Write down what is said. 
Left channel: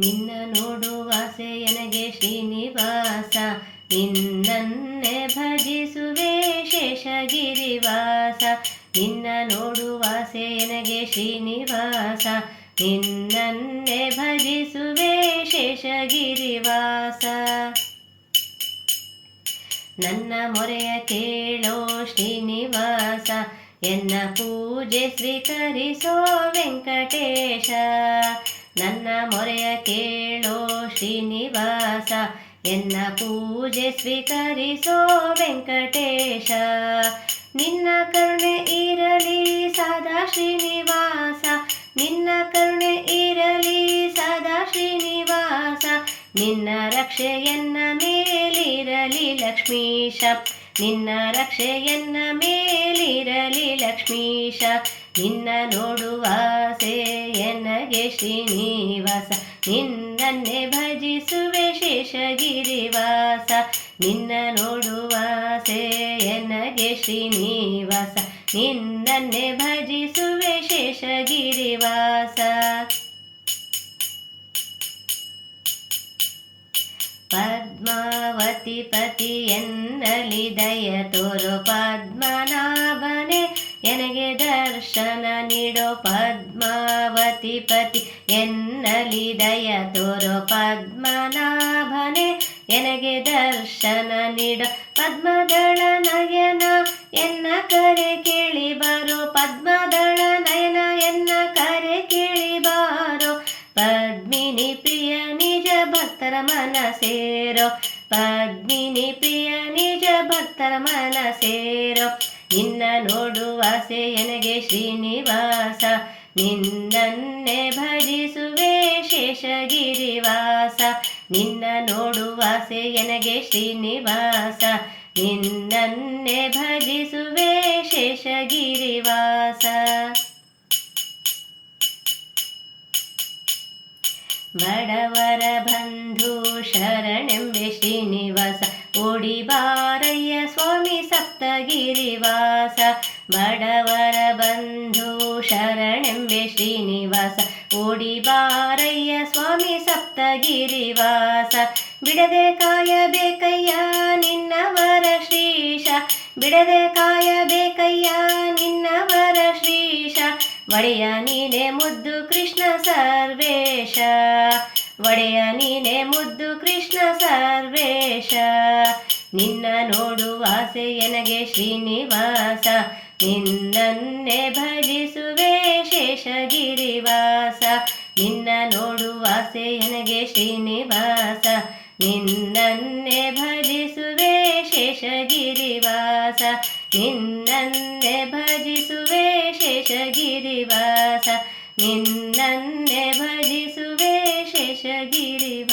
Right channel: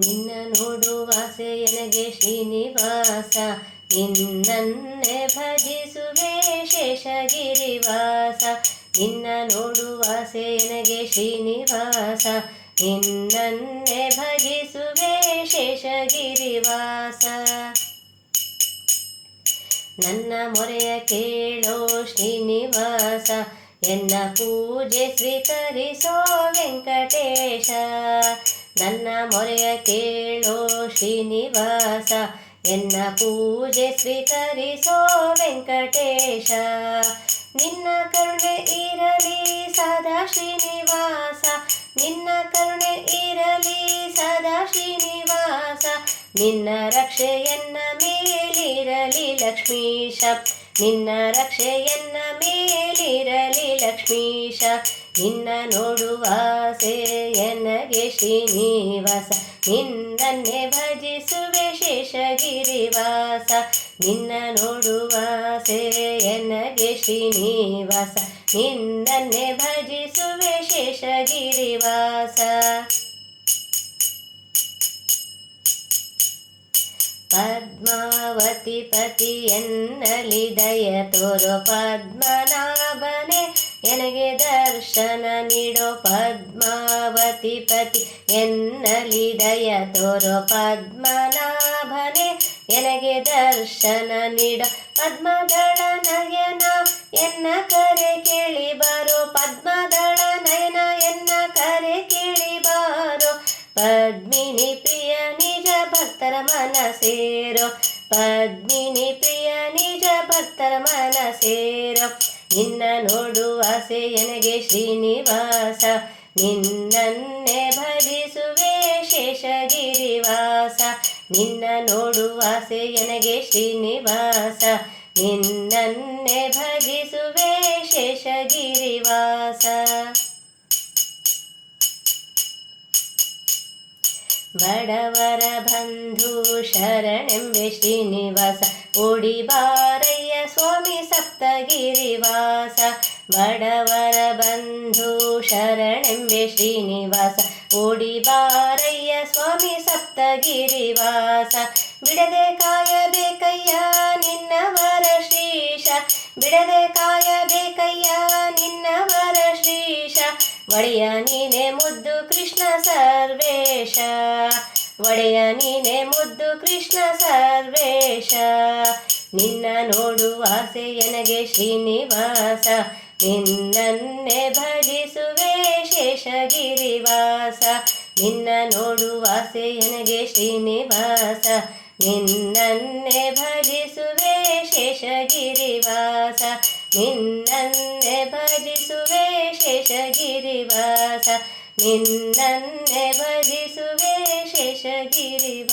ನಿನ್ನ ನೋಡುವಾಸೆ ನನಗೆ ಶ್ರೀನಿವಾಸ. ನಿನ್ನನ್ನೇ ಭಜಿಸುವೆ ಶೇಷಗಿರಿವಾಸ. ನಿನ್ನ ನೋಡುವಾಸೆ ನನಗೆ ಶ್ರೀನಿವಾಸ. ನಿನ್ನನ್ನೇ ಭಜಿಸುವೆ ಶೇಷಗಿರಿವಾಸ. ನನ್ನ ಮೊರೆಯ ಕೇಳೋ ಶ್ರೀನಿವಾಸ. ಎನ್ನ ಪೂಜೆ ಸ್ವೀಕರಿಸೋ ವೆಂಕಟೇಶ. ನನ್ನ ಮೊರೆಯ ಕೇಳೋ ಶ್ರೀನಿವಾಸ, ಎನ್ನ ಪೂಜೆ ಸ್ವೀಕರಿಸೋ ವೆಂಕಟೇಶ. ನಿನ್ನ ಕರುಣೆ ಇರಲಿ ಸದಾ ಶ್ರೀನಿವಾಸ, ನಿನ್ನ ಕರುಣೆ ಇರಲಿ ಸದಾ ಶ್ರೀನಿವಾಸ. ನಿನ್ನ ರಕ್ಷೆಯನ್ನ ಮೇಲಿರಲಿ ಲಕ್ಷ್ಮೀಶ, ನಿನ್ನ ರಕ್ಷೆಯನ್ನ ಮೇಲಿರಲಿ ಲಕ್ಷ್ಮೀಶ. ನಿನ್ನ ನೋಡುವ ಎನಗೆ ಶ್ರೀನಿವಾಸ. ನಿನ್ನನ್ನೇ ಭಜಿಸುವೆ ಶೇಷಗಿರಿವಾಸ ನಿನ್ನ ನೋಡುವ ಎನಗೆ ಶ್ರೀನಿವಾಸ. ನಿನ್ನನ್ನೇ ಭಜಿಸುವೆ ಶೇಷಗಿರಿವಾಸ ಪದ್ಮಾವತಿ ಪತಿಯನ್ನಲಿ ದಯ ತೋರೋ ಪದ್ಮನಾಭನೆ ಪದ್ಮಾವತಿ ಪತಿ ಎನ್ನಲಿ ದಯ ತೋರೋ ಪದ್ಮನಾಭನೆ, ಎನಗೆ ದರ್ಶನ ನೀಡ ಪದ್ಮದಳ ನಯನ, ಎನ್ನ ಕರೆ ಕೇಳಿ ಬಾರೋ ಪದ್ಮದಳ ನಯನ, ಎನ್ನ ಕರೆ ಕೇಳಿ ಬಾರೋ ಪದ್ಮಿನಿ ಪ್ರಿಯ ನಿಜ ಭಕ್ತರ ಮನ ಸೇರೋ, ಪದ್ಮಿನಿ ಪ್ರಿಯ ನಿಜ ಭಕ್ತರ ಮನ ಸೇರೋ, ನಿನ್ನ ನೋಡುವಾಸೆ ಎನಗೆ ಶ್ರೀನಿವಾಸ ನಿನ್ನನ್ನೇ ಭಜಿಸುವೆ ಶೇಷಗಿರಿವಾಸ. ನಿನ್ನ ನೋಡುವಾಸೆ ಎನಗೆ ಶ್ರೀನಿವಾಸ. ನಿನ್ನನ್ನೇ ಭಜಿಸುವೆ ಶೇಷಗಿರಿವಾಸ. ಬಡವರ ಬಂಧು ಶರಣೆಂಬೆ ಶ್ರೀನಿವಾಸ. ಓಡಿ ಬಾರಯ್ಯ ಸ್ವಾಮಿ ಸಪ್ತಗಿರಿವಾಸ. ಬಡವರ ಬಂಧು ಶರಣೆಂಬೆ ಶ್ರೀನಿವಾಸ. ಓಡಿ ಬಾರಯ್ಯ ಸ್ವಾಮಿ ಸಪ್ತಗಿರಿವಾಸ. ಬಿಡದೆ ಕಾಯಬೇಕಯ್ಯ ನಿನ್ನವರ ಶ್ರೀಶ. ಬಿಡದೆ ಕಾಯಬೇಕಯ್ಯ ನಿನ್ನವರ ಶ್ರೀಶ. ಒಡೆಯ ನೀನೆ ಮುದ್ದು ಕೃಷ್ಣ ಸರ್ವೇಶ. ಒಡೆಯ ನೀನೆ ಮುದ್ದು ಕೃಷ್ಣ ಸರ್ವೇಶ. ನಿನ್ನ ನೋಡುವಾಸೆ ಎನಗೆ ಶ್ರೀನಿವಾಸ. ನಿನ್ನನ್ನೇ ಭಜಿಸುವೆ ಶೇಷಗಿರಿವಾಸ. ನಿನ್ನ ನೋಡುವಾಸೆ ನನಗೆ ಶ್ರೀನಿವಾಸ. ನಿನ್ನನ್ನೇ ಭಜಿಸುವೆ ಶೇಷಗಿರಿವಾಸ. ನಿನ್ನನ್ನೇ ಭಜಿಸುವೆ ಶೇಷಗಿರಿವಾಸ. ನಿನ್ನನ್ನೇ ಭಜಿಸುವೆ ಶೇಷಗಿರಿ